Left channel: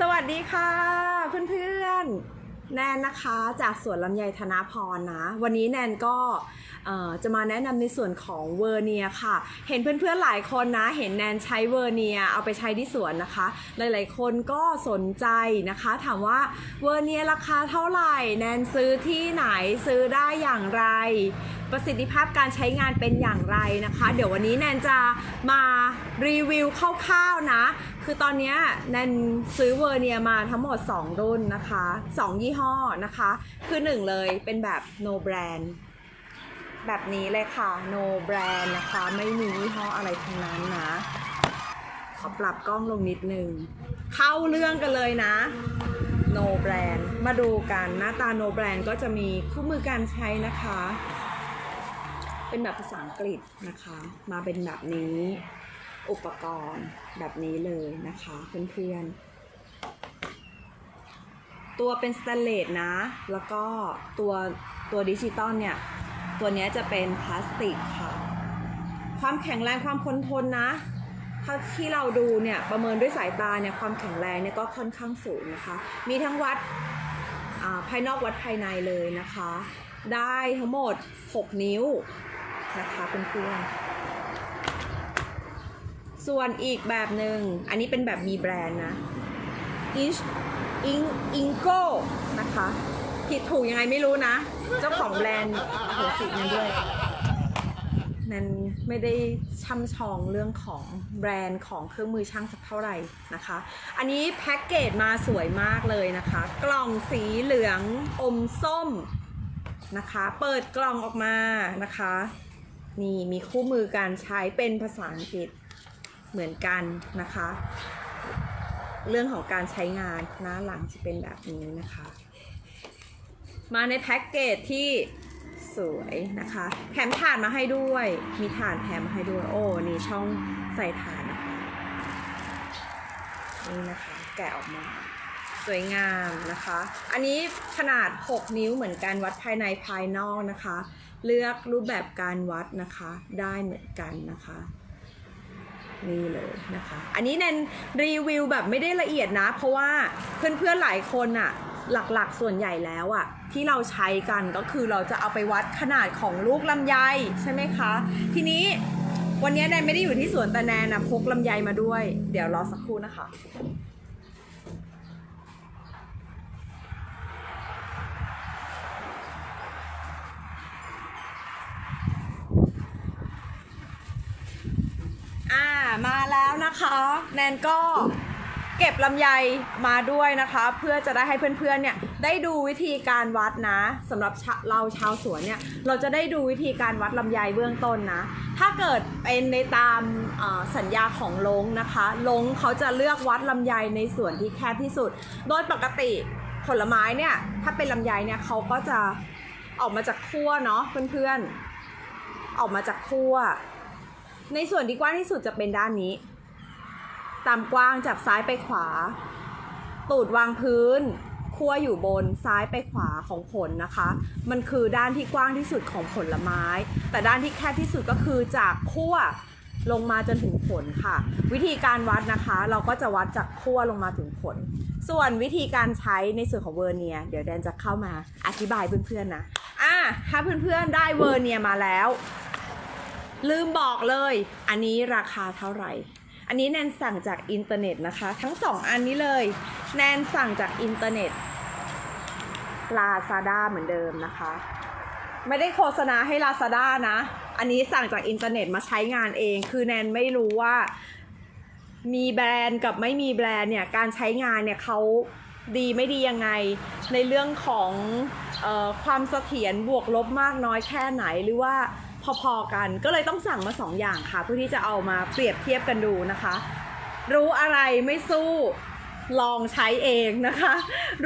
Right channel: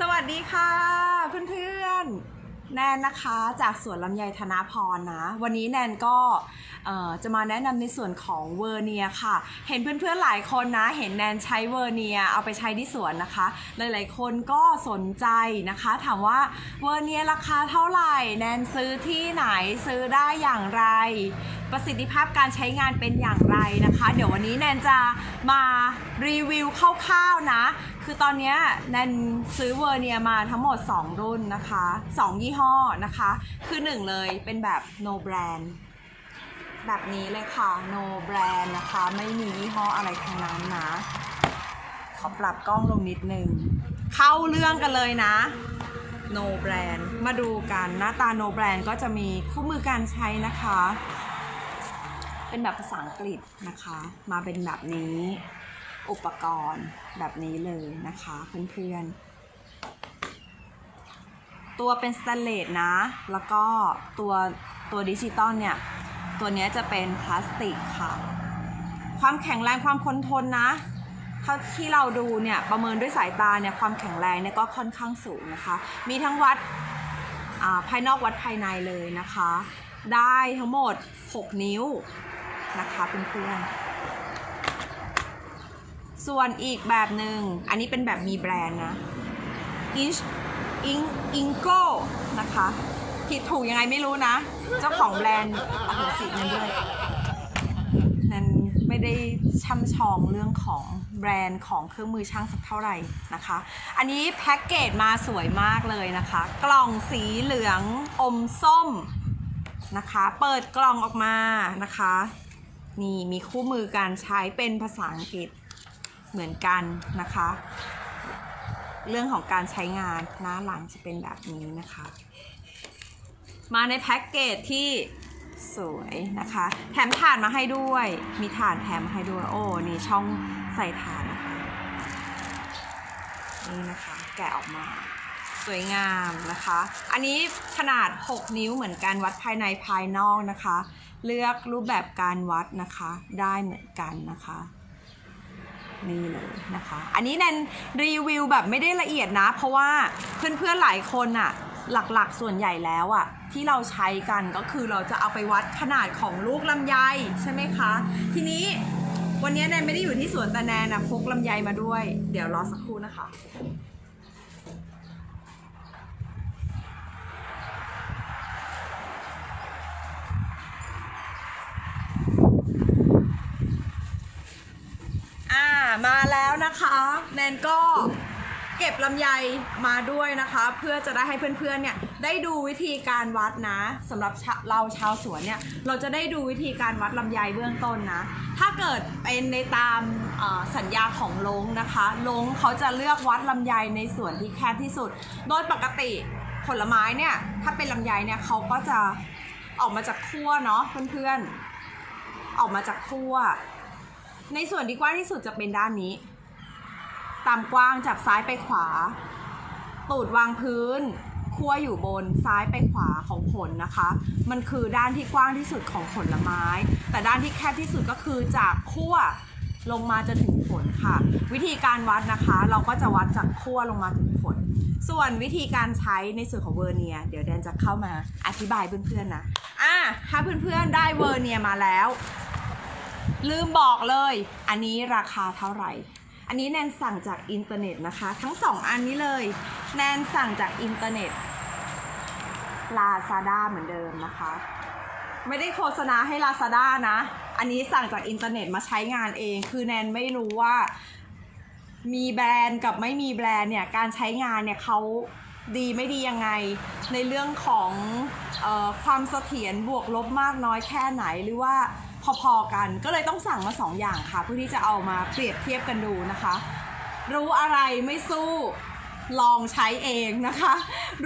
สวัสดีค่ะ เพื่อนๆ แนนนะคะจากสวนลำไยธนาพรนะ วันนี้แนนก็จะมาแนะนำในส่วนของเวอร์เนียค่ะ เห็นเพื่อนๆหลายคนนะ เห็นแนนใช้เวอร์เนียเอาไปใช้ที่สวนนะคะ หลายๆคนก็สนใจนะคะ ถามว่าเวอร์เนียราคาเท่าไหร่ แนนซื้อที่ไหนซื้อได้อย่างไร ประสิทธิภาพการใช้งานเป็นอย่างไรนะคะ เดี๋ยววันนี้แนนจะมารีวิวคร่าวๆนะ คือตอนนี้ยแนนซื้อเวอร์เนียมาทั้งหมด 2 รุ่นนะคะ 2 ยี่ห้อนะคะ คือ 1 เลยเป็นแบบ no brand แบบนี้เลยค่ะ no brand นะคะ ไม่มียี่ห้ออะไรทั้งนั้นนะ ขอปรับกล้องลงนิดนึง เข้าเรื่องกันเลยนะ no brand มาดูกันหน้าตา no brand ก็จะมีคู่มือการใช้นะคะ เป็นแบบภาษาอังกฤษนะคะ มาเป็นแบบนี้ อุปกรณ์แบบนี้เลยนะคะเพื่อนๆ ตัวเป็นสแตนเลสนะ แล้วก็ตัวตัวดิจิตอลเนี่ย ตัวเนี้ยจะเป็นพลาสติกค่ะ ความแข็งแรงความทนทนนะเท่าที่เราดูเนี่ยประเมินด้วยสายตาเนี่ยความแข็งแรงเนี่ยก็ค่อนข้างสูงนะคะ มีทั้งวัดอ่าภายนอกวัดภายในเลยนะคะ ได้ทั้งหมด 6 นิ้วนะคะเพื่อนๆ ส่วนอีกแบบหนึ่งอันนี้เป็นแบบมีแบรนด์นะ Ish In Ingo นะคะผิดถูกยังไงไม่รู้นะ เจ้าของแบรนด์โอ้โหสิมันด้วยนั้นไม่ได้ช่ำชองเรื่องของแบรนด์ของเครื่องมือช่างสักเท่าไหร่นะคะ อันนี้แพ็กเกจมาสวยมากเลยนะคะ กล่องสีเหลืองอมส้มนะคะ เปิดกล่องออกมานะคะ นี่มีคู่มือการใช้เป็นภาษาอังกฤษ เหมือนกันนะคะ เรื่องของการใช้งานหน้าหลังจะเป็นแบบนี้นะคะ มาในแพ็กเกจที่สวยนะคะ แถมถ่านมาให้ด้วย มีถ่านแถมให้ด้วยโอ้นี่ช่องใส่ถ่านนะคะนี่นะคะ แกะออกมา สวยงามนะคะ อันนี้ขนาด 6 นิ้วเหมือนกันวัดภายในภายนอกนะคะ เลือกรูปแบบการวัดนะคะ ได้เหมือนกันนะคะ นี่เลยนะคะ อันนี้แนนรีวิวแบบไม่ได้ละเอียดนะ เพราะว่าเพื่อนๆหลายคนอะหลักๆส่วนใหญ่แล้วอะที่เราใช้กันก็คือเราจะเอาไปวัดขนาดของลูกลำไยใช่ไหมคะ ทีนี้วันนี้แนนไม่ได้อยู่ที่สวนแต่แนนนะพกลำไยมาด้วย เดี๋ยวรอสักครู่นะคะ อ่า มาแล้วนะคะแนนก็เก็บลำไยมาด้วยนะคะ เพื่อจะได้ให้เพื่อนๆเนี่ยได้ดูวิธีการวัดนะสำหรับเราชาวสวนเนี่ยเราจะได้ดูวิธีการวัดลำไยเบื้องต้นนะ ถ้าเกิดเป็นในตามสัญญาของลงนะคะลงเขาจะเลือกวัดลำไยในส่วนที่แคบที่สุด โดยปกติผลไม้เนี่ยถ้าเป็นลำไยเนี่ยเขาก็จะออกมาจากขั้วเนาะเพื่อนๆออกมาจากขั้ว ในส่วนที่กว้างที่สุดจะเป็นด้านนี้ ตามกว้างจากซ้ายไปขวา ตูดวางพื้นขั้วอยู่บนซ้ายไปขวาของผลนะคะ มันคือด้านที่กว้างที่สุดของผลไม้ แต่ด้านที่แคบที่สุดก็คือจากขั้วลงมาจนถึงผลค่ะ วิธีการวัดนะคะ เราก็จะวัดจากขั้วลงมาถึงผล ส่วนวิธีการใช้ในส่วนของเวอร์เนีย เดี๋ยวแดนจะเข้ามาอธิบายเพื่อนๆนะอะถ้าเพื่อนๆได้เวอร์เนียมาแล้ว ลืมบอกเลย อันนี้ราคาเท่าไหร่ อันนี้แนนสั่งจากอินเทอร์เน็ตนะคะ ทั้งสองอันนี้เลย แนนสั่งจากอินเทอร์เน็ต Lazada เหมือนเดิมนะคะ ไม่ได้โฆษณาให้ Lazada นะ อันนี้สั่งจากอินเทอร์เน็ตมาใช้งานเอง คือแนนไม่รู้ว่ามีแบรนด์กับไม่มีแบรนด์เนี่ย การใช้งานเนี่ยเขาดีไม่ดียังไง ในเรื่องของออความเสถียรบวกลบมากน้อยแค่ไหนหรือว่า พอๆกัน ก็เลยต้องสั่งมาสองอย่างค่ะ เพื่อที่จะเอามาเปรียบเทียบกันดูนะคะ รู้อะไรไม่สู้ลองใช้เองนะคะ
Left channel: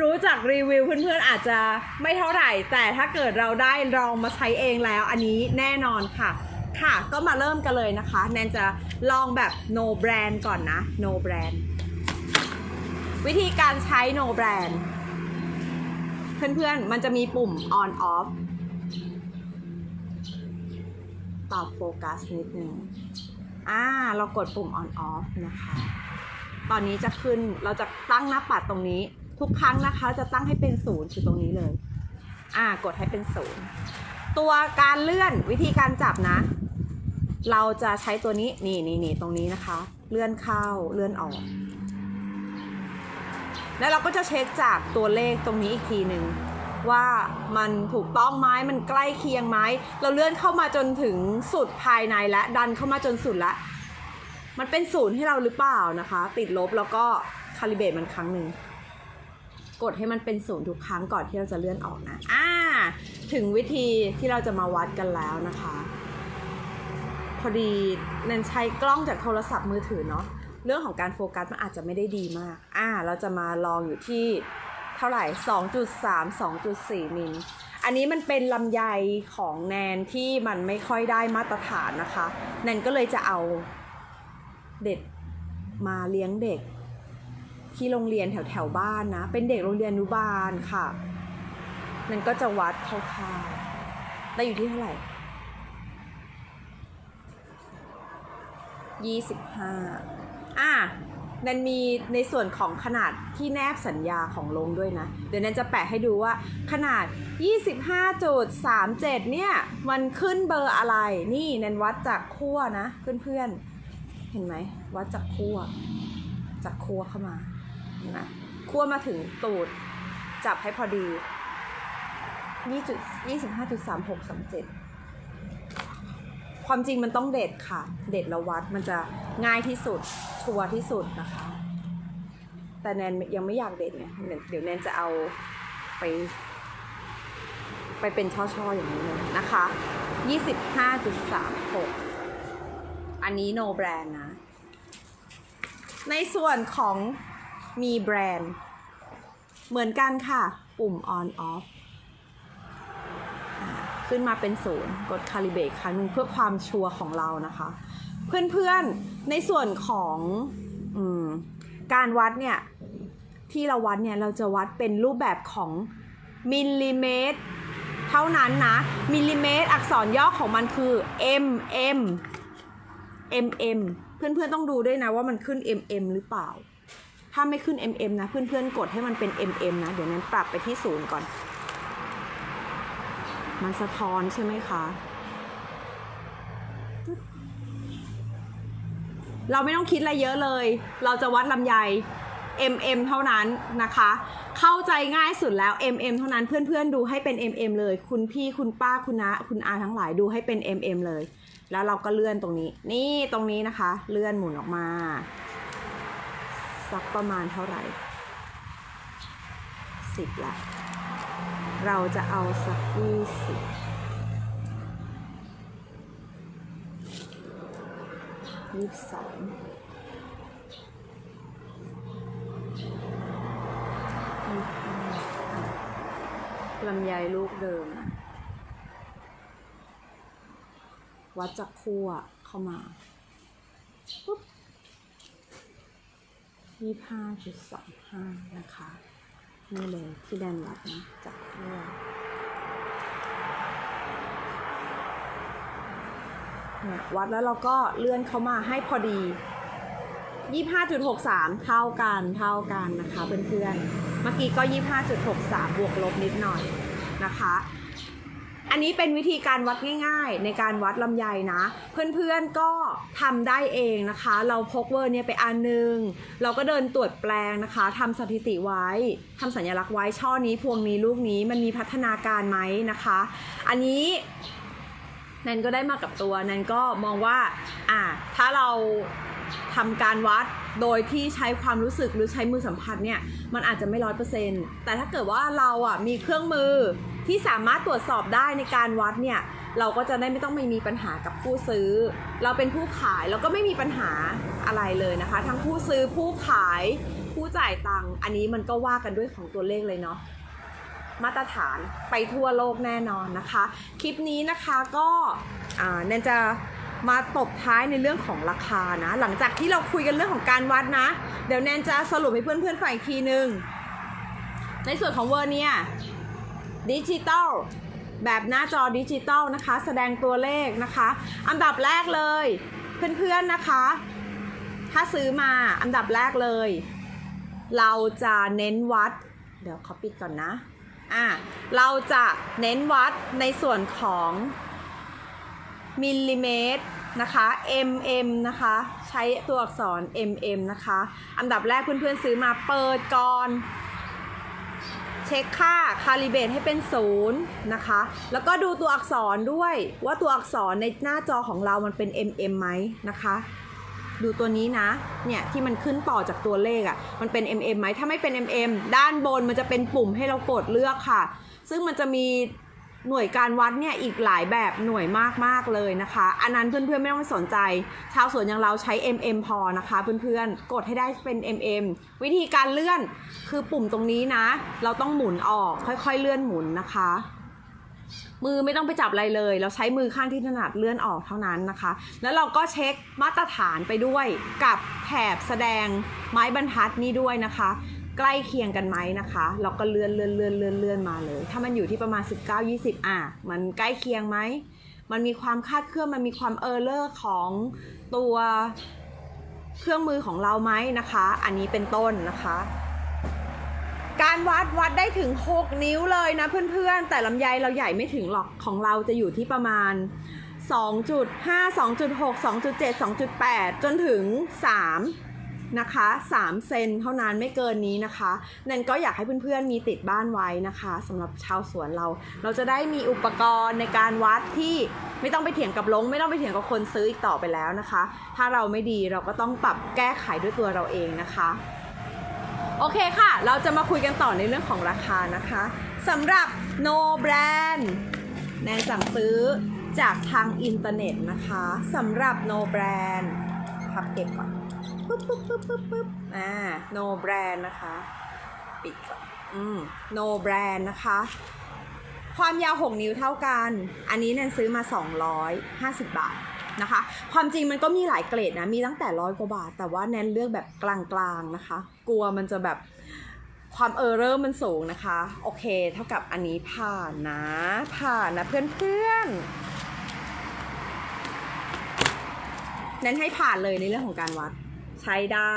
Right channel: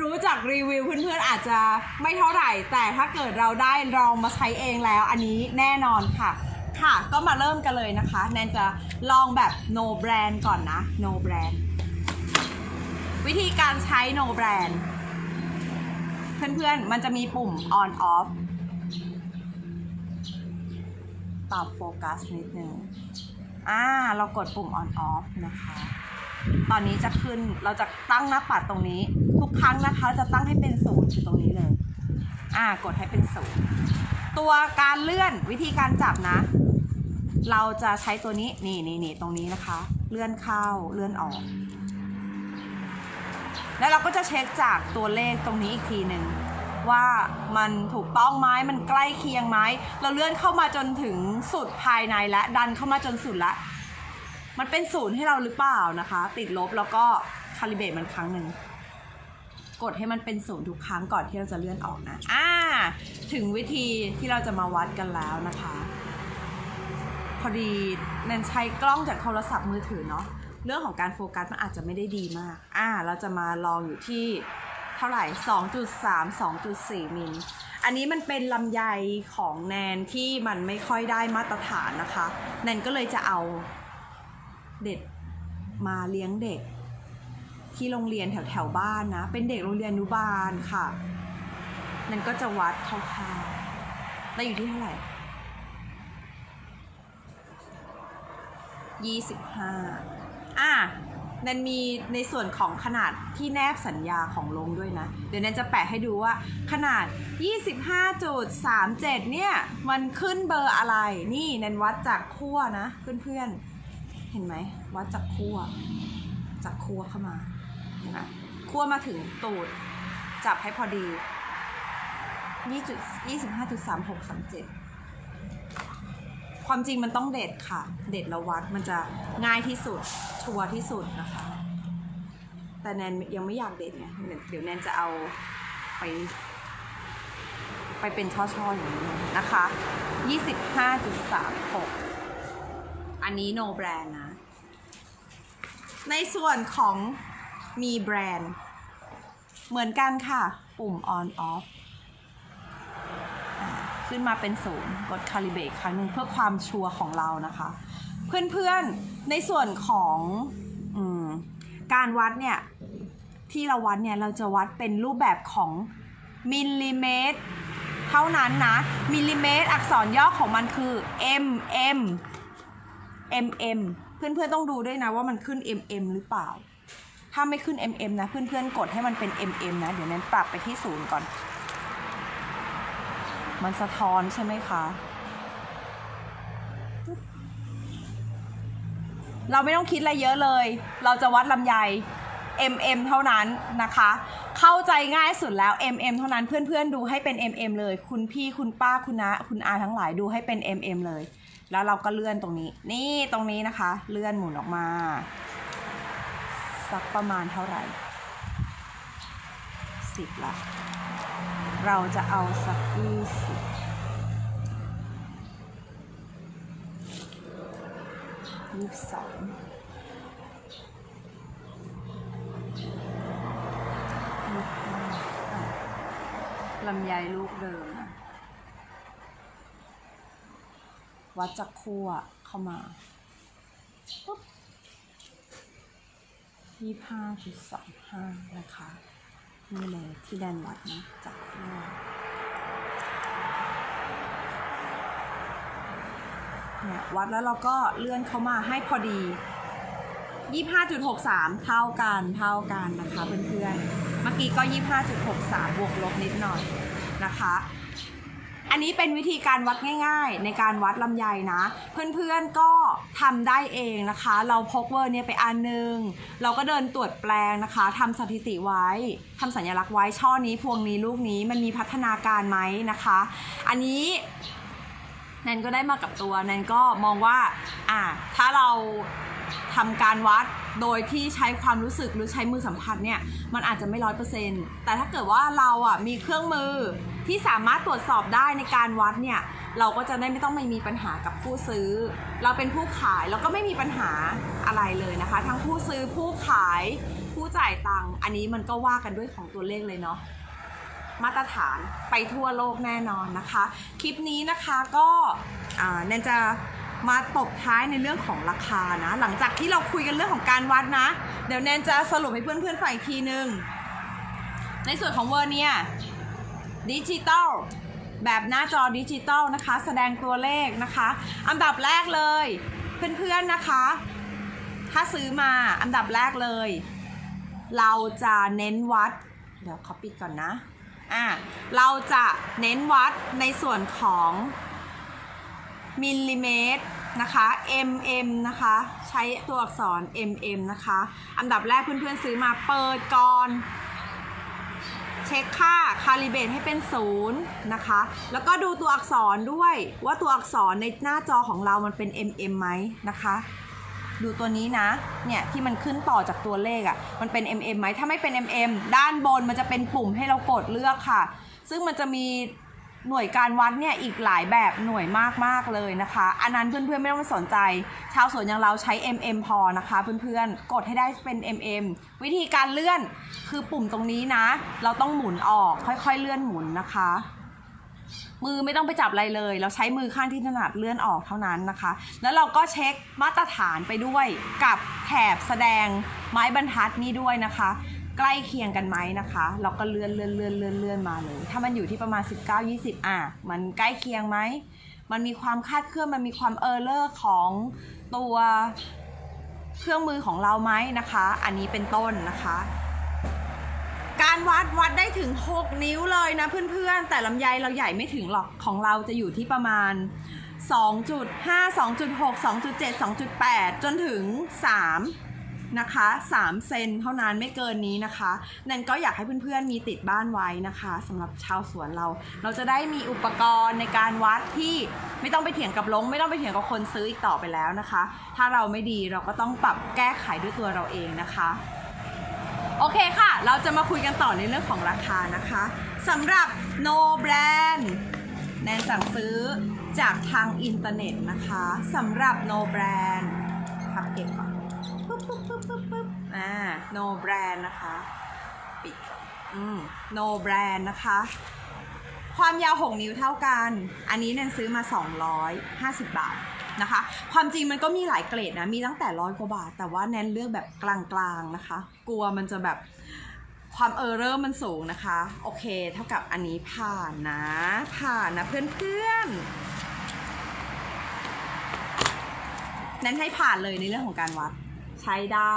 รู้จากรีวิวเพื่อนๆอาจจะไม่เท่าไหร่ แต่ถ้าเกิดเราได้ลองมาใช้เองแล้ว อันนี้แน่นอนค่ะ ค่ะ ก็มาเริ่มกันเลยนะคะ แนนจะลองแบบ no brand ก่อนนะ no brand วิธีการใช้ no brand เพื่อนๆ มันจะมีปุ่ม on off ปรับโฟกัสนิดนึงอ่าเรากดปุ่ม on off นะคะ ตอนนี้จะขึ้นเราจะตั้งหน้าปัดตรงนี้ ทุกครั้งนะคะจะตั้งให้เป็นศูนย์คือตรงนี้เลย อ่ากดให้เป็นศูนย์ตัวการเลื่อนวิธีการจับนะ เราจะใช้ตัวนี้นี่นี่นี่ตรงนี้นะคะ เลื่อนเข้าเลื่อนออก แล้วเราก็จะเช็คจากตัวเลขตรงนี้อีกทีหนึ่ง ว่ามันถูกต้องไหมมันใกล้เคียงไหมเราเลื่อนเข้ามาจนถึงสุดภายในและดันเข้ามาจนสุดละมันเป็นศูนย์ให้เราหรือเปล่านะคะ ติดลบแล้วก็คาลิเบตมันครั้งหนึ่งกดให้มันเป็นศูนย์ทุกครั้งก่อนที่เราจะเลื่อนออกนะอ่าถึงวิธีที่เราจะมาวัดกันแล้วนะคะ พอดีนันใช้กล้องจากโทรศัพท์มือถือเนาะเรื่องของการโฟกัสมันอาจจะไม่ได้ดีมาก อ่า เราจะมาลองอยู่ที่ เท่าไหร่ 2.3 2.4 มิล อันนี้มันเป็นลำไยของแนนที่มันไม่ค่อยได้มาตรฐานนะคะ แนนก็เลยจะเอาเด็ดมาเลี้ยงเด็ก ที่โรงเรียนแถวแถวบ้านนะ เป็นเด็กโรงเรียนอนุบาลค่ะ แนนก็จะวัดคร่าวๆได้อยู่ที่เท่าไหร่ยี่สิบห้าอะ นันมีในส่วนของขนาดที่แนบสัญญาของลงด้วยนะ เดี๋ยวนันจะแปะให้ดูว่าขนาด 25.37 เนี่ย มันขึ้นเบอร์อะไร นี่นันวัดจากขั้วนะ เพื่อนๆ เห็นไหม วัดจากขั้วจากขั้วเข้ามาเห็นไหมขั้วมาถึงตูด จับให้พอดี 25.3637 ความจริงมันต้องเด็ดค่ะ เด็ดแล้ววัดมันจะง่ายที่สุด ชัวร์ที่สุดนะคะ แต่แนนยังไม่อยากเด็ดไงเดี๋ยวแนนจะเอาไป ไปเป็นช่อๆอย่างนี้เลยนะคะ25.36 อันนี้ no brand นะ ในส่วนของมีแบรนด์ เหมือนกันค่ะ ปุ่ม on off ขึ้นมาเป็นศูนย์กดคาลิเบตครั้งนึงเพื่อความชัวร์ของเรานะคะ เพื่อนๆในส่วนของอการวัดเนี่ยที่เราวัดเนี่ยเราจะวัดเป็นรูปแบบของมิลลิเมตรเท่านั้นนะ มิลลิเมตร อักษรย่อของมันคือ m m m m เพื่อนๆต้องดูด้วยนะว่ามันขึ้น m m หรือเปล่า ถ้าไม่ขึ้น m m นะ เพื่อนๆกดให้มันเป็น m m นะ เดี๋ยวนั้นปรับไปที่ศูนย์ก่อน มันสะท้อนใช่ไหมคะ เราไม่ต้องคิดอะไรเยอะเลย เราจะวัดลำไย mm เท่านั้นนะคะ เข้าใจง่ายสุดแล้ว mm เท่านั้นเพื่อนๆดูให้เป็น mm เลย คุณพี่คุณป้าคุณนะคุณอาทั้งหลายดูให้เป็น mm เลย แล้วเราก็เลื่อนตรงนี้ นี่ตรงนี้นะคะ เลื่อนหมุนออกมา สักประมาณเท่าไหร่สิบละ เราจะเอาสักยี่สิบยี่สิบสองยี่สิบห้าอะลำไยลูกเดิม วัดจากขั้วเข้ามาปุ๊บยี่ห้าจุดสามห้านะคะ นี่เลยที่ดันวัดนะจากขั้วยวัดแล้วเราก็เลื่อนเข้ามาให้พอดี 25.63 เท่ากันเท่ากันนะคะเพื่อนๆ เมื่อกี้ก็ 25.63 บวกลบนิดหน่อยนะคะ อันนี้เป็นวิธีการวัดง่ายๆ ในการวัดลำไยนะ เพื่อนๆก็ทำได้เองนะคะ เราพกเวอร์เนี่ยไปอันหนึง เราก็เดินตรวจแปลงนะคะทำสถิติไว้ทำสัญลักษณ์ไว้ช่อนี้พวงนี้ลูกนี้มันมีพัฒนาการไหมนะคะ อันนี้แนนก็ได้มากับตัวแนนก็มองว่าอ่าถ้าเรา ทำการวัดโดยที่ใช้ความรู้สึกหรือใช้มือสัมผัสเนี่ยมันอาจจะไม่ร้อยเปอร์เซ็นต์แต่ถ้าเกิดว่าเราอะมีเครื่องมือที่สามารถตรวจสอบได้ในการวัดเนี่ยเราก็จะได้ไม่ต้องไม่มีปัญหากับผู้ซื้อ เราเป็นผู้ขายเราก็ไม่มีปัญหาอะไรเลยนะคะ ทั้งผู้ซื้อผู้ขายผู้จ่ายตังค์อันนี้มันก็ว่ากันด้วยของตัวเลขเลยเนาะมาตรฐานไปทั่วโลกแน่นอนนะคะ คลิปนี้นะคะก็อ่าแนนจะ มาตบท้ายในเรื่องของราคานะ หลังจากที่เราคุยกันเรื่องของการวัดนะ เดี๋ยวแนนจะสรุปให้เพื่อนๆฟังอีกทีนึงในส่วนของเวอร์เนี่ยดิจิตอลแบบหน้าจอดิจิตอลนะคะ แสดงตัวเลขนะคะ อันดับแรกเลย เพื่อนๆนะคะ ถ้าซื้อมาอันดับแรกเลย เราจะเน้นวัด เดี๋ยวขอปิดก่อนนะอ่าเราจะเน้นวัดในส่วนของ มิลลิเมตรนะคะ mm นะคะ ใช้ตัวอักษร mm นะคะ อันดับแรกเพื่อนๆซื้อมาเปิดก่อน เช็คค่าคาลิเบตให้เป็นศูนย์นะคะ แล้วก็ดูตัวอักษรด้วยว่าตัวอักษรในหน้าจอของเรามันเป็น mm ไหมนะคะดูตัวนี้นะ เนี่ยที่มันขึ้นต่อจากตัวเลขอะ่ะ มันเป็น mm ไหม ถ้าไม่เป็น mm ด้านบนมันจะเป็นปุ่มให้เรากดเลือกค่ะ ซึ่งมันจะมี หน่วยการวัดเนี่ยอีกหลายแบบหน่วยมากๆเลยนะคะ อันนั้นเพื่อนๆไม่ต้องสนใจ ชาวสวนอย่างเราใช้ mm พอนะคะเพื่อนๆ กดให้ได้เป็น mm วิธีการเลื่อนคือปุ่มตรงนี้นะ เราต้องหมุนออกค่อยๆเลื่อนหมุนนะคะ มือไม่ต้องไปจับอะไรเลย เราใช้มือข้างที่ถนัดเลื่อนออกเท่านั้นนะคะ แล้วเราก็เช็คมาตรฐานไปด้วยกับแถบแสดงไม้บรรทัดนี้ด้วยนะคะ ใกล้เคียงกันไหมนะคะ เราก็เลื่อนเลื่อนเลื่อนเลื่อนเลื่อนมาเลย ถ้ามันอยู่ที่ประมาณ 19 20 อะ มันใกล้เคียงไหม มันมีความคาดเคลื่อน มันมีความเออร์เลอร์ของตัวเครื่องมือของเราไหมนะคะ อันนี้เป็นต้นนะคะ การวัดวัดได้ถึง 6 นิ้วเลยนะเพื่อนๆ แต่ลำไยเราใหญ่ไม่ถึงหรอก ของเราจะอยู่ที่ประมาณ 2.5 2.6 2.7 2.8 จนถึง 3 นะคะ3เซนเท่านั้นไม่เกินนี้นะคะ นั่นก็อยากให้เพื่อนๆมีติดบ้านไว้นะคะสำหรับชาวสวนเรา เราจะได้มีอุปกรณ์ในการวัดที่ไม่ต้องไปเถียงกับลง ไม่ต้องไปเถียงกับคนซื้ออีกต่อไปแล้วนะคะ ถ้าเราไม่ดีเราก็ต้องปรับแก้ไขด้วยตัวเราเองนะคะโอเคค่ะ เราจะมาคุยกันต่อในเรื่องของราคานะคะสำหรับ No Brand แนนสั่งซื้อจากทางอินเทอร์เน็ตนะคะสำหรับ No Brand พักเก็บก่อน ปึ๊บปึ๊บปึ๊บปึ๊บปึ๊บอ่า No Brand นะคะ ปิดอืม No Brand นะคะ ความยาว 6 นิ้วเท่ากัน อันนี้แนนซื้อมา 250 บาทนะคะ ความจริงมันก็มีหลายเกรดนะ มีตั้งแต่ร้อยกว่าบาท แต่ว่าแนนเลือกแบบกลางๆนะคะ กลัวมันจะแบบความเออร์เรอร์มันสูงนะคะ โอเค เท่ากับอันนี้ผ่านนะ ผ่านนะเพื่อนๆแนนให้ผ่านเลยในเรื่องของการวัด ใช้ได้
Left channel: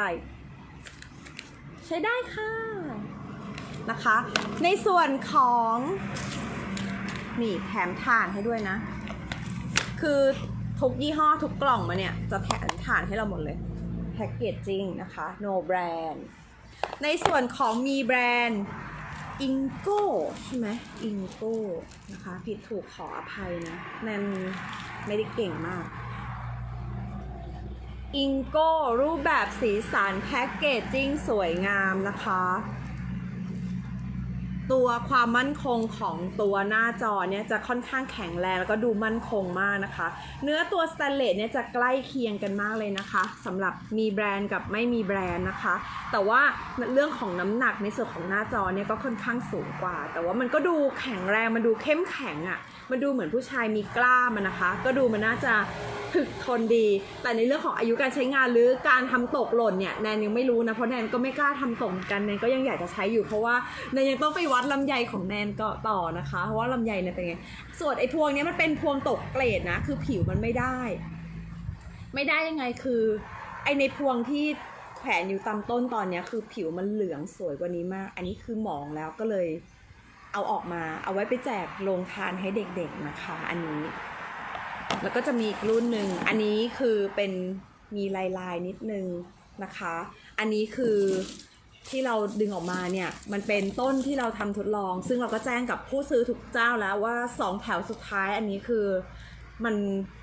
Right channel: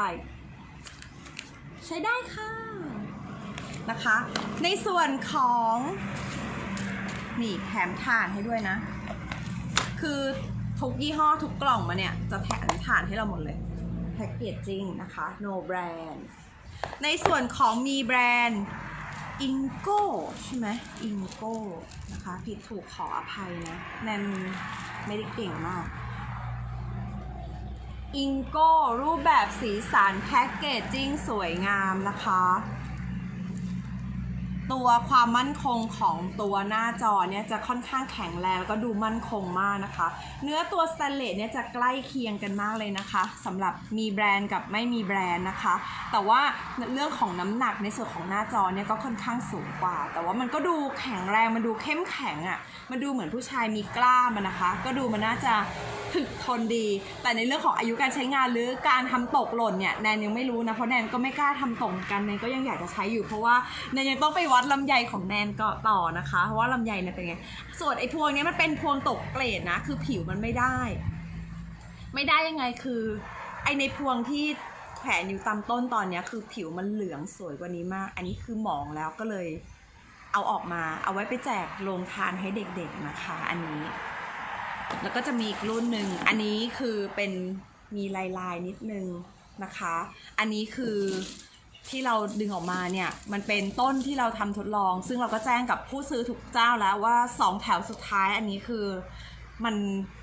ใช้ได้ค่ะนะคะ ในส่วนของนี่แถมถ่านให้ด้วยนะ คือทุกยี่ห้อทุกกล่องมาเนี่ย จะแถมถ่านให้เราหมดเลยแพ็กเกจจริงนะคะ no brand ในส่วนของมีแบรนด์อิงโก้ใช่ไหมอิงโก้นะคะ ผิดถูกขออภัยนะแนนไม่ได้เก่งมาก อิงโก้รูปแบบสีสันแพ็กเกจจิ้งสวยงามนะคะ ตัวความมั่นคงของตัวหน้าจอเนี่ยจะค่อนข้างแข็งแรงแล้วก็ดูมั่นคงมากนะคะ เนื้อตัวสแตนเลสเนี่ยจะใกล้เคียงกันมากเลยนะคะสำหรับมีแบรนด์กับไม่มีแบรนด์นะคะ แต่ว่าเรื่องของน้ำหนักในส่วนของหน้าจอเนี่ยก็ค่อนข้างสูงกว่า แต่ว่ามันก็ดูแข็งแรงมันดูเข้มแข็งอะ่ะมันดูเหมือนผู้ชายมีกล้ามอะนะคะ ก็ดูมันน่าจะถึกทนดี แต่ในเรื่องของอายุการใช้งานหรือการทำตกหล่นเนี่ยแนนยังไม่รู้นะเพราะแนนก็ไม่กล้าทำตกกันแนนก็ยังอยากจะใช้อยู่เพราะว่าแนนยังต้องไปวัดลำไยของแนนก็ต่อนะคะ เพราะว่าลำไยเนี่ยเป็นไง ส่วนไอ้พวงเนี้ยมันเป็นพวงตกเกรดนะ คือผิวมันไม่ได้ ไม่ได้ยังไงคือ ไอในพวงที่แขวนอยู่ตามต้นตอนเนี้ยคือผิวมันเหลืองสวยกว่านี้มาก อันนี้คือหมองแล้วก็เลย เอาออกมาเอาไว้ไปแจกโรงทานให้เด็กๆนะคะ อันนี้ แล้วก็จะมีอีกรุ่นหนึ่งอันนี้คือเป็นมีลายลายๆนิดนึงนะคะ อันนี้คือ ที่เราดึงออกมาเนี่ยมันเป็นต้นที่เราทำทดลอง ซึ่งเราก็แจ้งกับผู้ซื้อทุกเจ้าแล้วว่าสองแถวสุดท้ายอันนี้คือมัน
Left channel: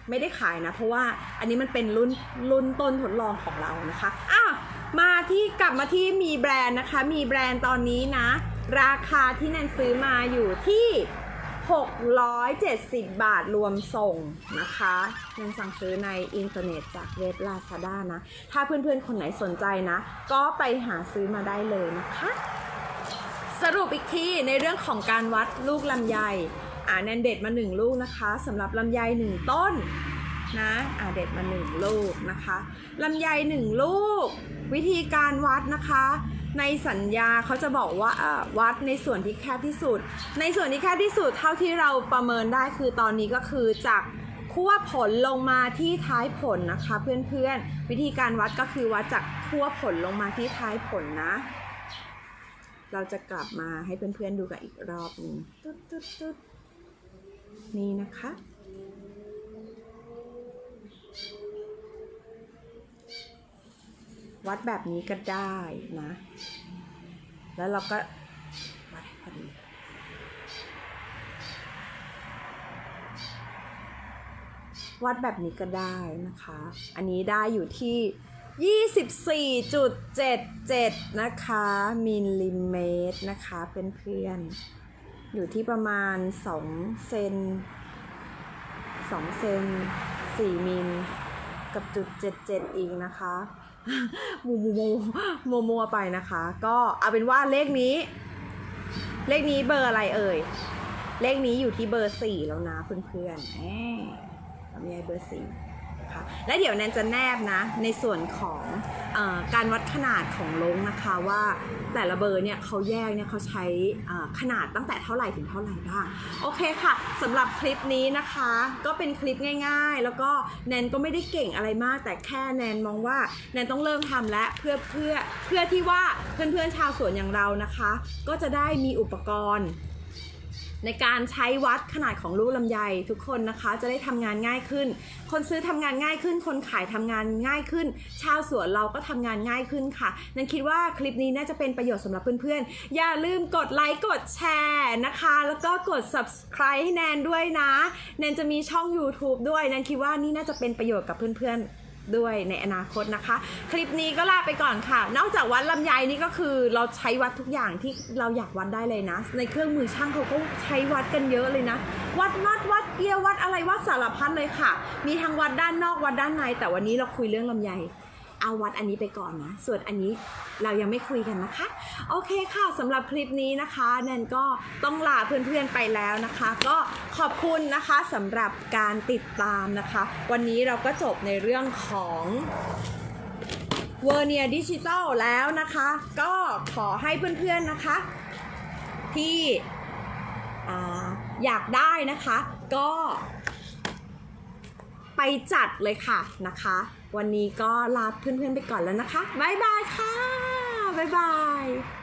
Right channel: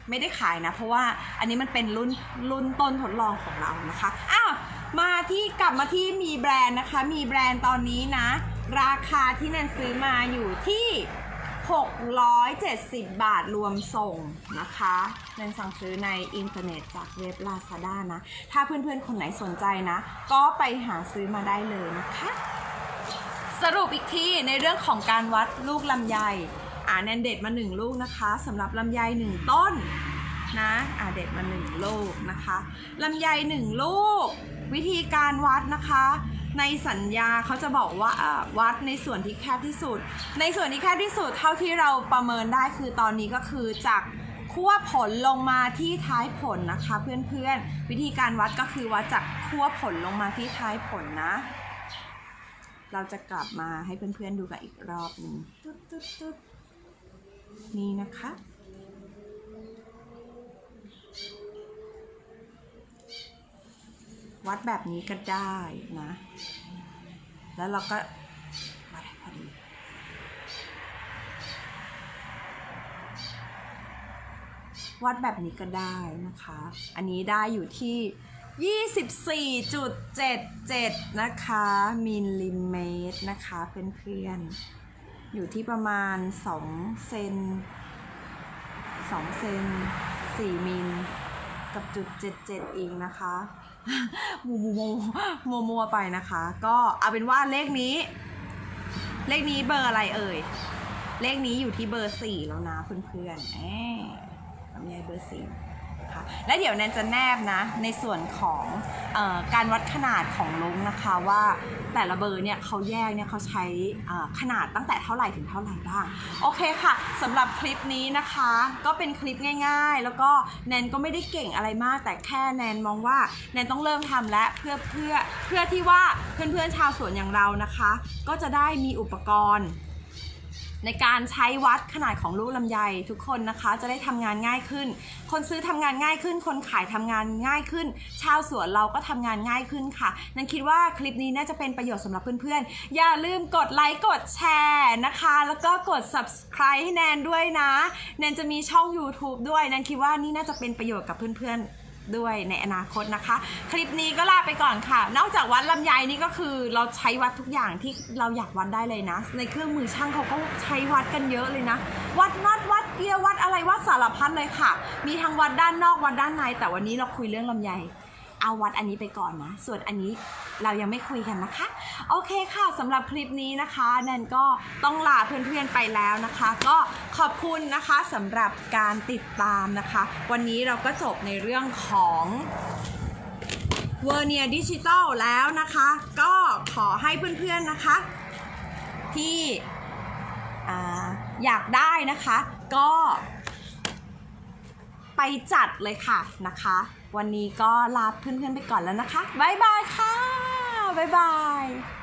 ไม่ได้ขายนะ เพราะว่าอันนี้มันเป็นรุ่นรุ่นต้นทดลองของเรานะคะอ้าวมาที่กลับมาที่มีแบรนด์นะคะ มีแบรนด์ตอนนี้นะ ราคาที่แนนซื้อมาอยู่ที่ 670 บาทรวมส่งนะคะเงินสั่งซื้อในอินเทอร์เน็ตจากเว็บ Lazada นะ ถ้าเพื่อนๆ คนไหนสนใจนะ ก็ไปหาซื้อมาได้เลยนะคะ สรุปอีกทีในเรื่องของการวัดลูกลำไย อ่าแนนเด็ดมาหนึ่งลูกนะคะสำหรับลำไยหนึ่งต้นนะอ่าเด็ดมาหนึ่งลูกนะคะลำไยหนึ่งลูก วิธีการวัดนะคะ ในสัญญาเขาจะบอกว่าวัดในส่วนที่แคบที่สุด ในส่วนที่แคบที่สุดเท่าที่เราประเมินได้คือตอนนี้ก็คือจากขั้วผลลงมาที่ท้ายผลนะคะ เพื่อนๆ วิธีการวัดก็คือวัดจากขั้วผลลงมาที่ท้ายผลนะ เราจะกลับมาให้เพื่อนๆดูกันอีกรอบนึงนี่นะคะ วัดแบบนี้ก็ได้นะ แล้วเราก็วัดพอดี วัดแบบนี้ก็ได้นะคะ อันนี้ได้อยู่ที่ 24.77 นะคะ มิลลิเมตรนะคะเพื่อนๆ อยู่ที่ประมาณ 2 เซน2เซน4มิลกับจุด77อีกนะคะ มูมูมูมัวมัวไปนะคะ ก็เอาเป็นว่าเลขนี้ เลขนี้เบอร์อะไรเอ่ย เลขนี้อยู่ที่เบอร์สี่แล้วนะเพื่อนๆแหมมีเบอร์สี่ ค่ะ และเดี๋ยวแนนจะแนบนะในส่วนของอการวัดขนาดของลงนะคะว่าแต่ละเบอร์เนี่ยเขาแยกเนี่ยเขาใช้ขนาดตั้งแต่เท่าไหร่ถึงเท่าไหร่บ้าง โอเคค่ะสำหรับคลิปนี้นะคะ ก็เป็นคลิปง่าย ๆ แล้วก็แนนก็ไม่ได้เก่งอะไรมาก แต่แค่แนนมองว่าแนนต้องเริ่มทำและเพื่อเพื่อเพื่อที่ว่าเพื่อนๆชาวสวนอย่างเรานะคะ ก็จะได้มีอุปกรณ์ ในการใช้วัดขนาดของลูกลำไยทุกคนนะคะ จะได้ทำงานง่ายขึ้น คนซื้อทำงานง่ายขึ้น คนขายทำงานง่ายขึ้น ชาวสวนเราก็ทำงานง่ายขึ้นค่ะ นันคิดว่าคลิปนี้น่าจะเป็นประโยชน์สำหรับเพื่อนๆ อย่าลืมกดไลค์กดแชร์นะคะ แล้วก็กด subscribe ให้แนนด้วยนะ แนนจะมีช่อง YouTube ด้วย แนนคิดว่านี่น่าจะเป็นประโยชน์กับเพื่อนๆ ด้วยในอนาคตนะคะ คลิปนี้ก็ลาไปก่อนค่ะ นอกจากวัดลำไยนี่ก็คือเราใช้วัดทุกอย่างที่เราอยากวัดได้เลยนะ ในเครื่องมือช่างเขาก็ใช้วัดกันเยอะเลยนะ วัดนัดวัดเกียร์วัดอะไรวัดสารพัดเลยค่ะ มีทั้งวัดด้านนอกวัดด้านในแต่วันนี้เราคุยเรื่องลำไย เอาวัดอันนี้ไปก่อนนะ ส่วนอันนี้เรายังไม่คุยกันนะคะ โอเคค่ะสำหรับคลิปนี้นะคะแนนก็ต้องลาเพื่อนๆไปแล้วนะคะ ก็ขอบคุณนะคะสำหรับการติดตามนะคะ วันนี้เราก็จบในเรื่องของเวอร์เนียดิจิตอลแล้วนะคะ ก็ขอให้เพื่อนๆนะคะ ที่อ่าอยากได้นะคะ ก็ไปจัดเลยค่ะนะคะ วันนี้ก็ลาเพื่อนๆไปก่อนแล้วนะคะ บ๊ายบายค่ะ บ๊ายบาย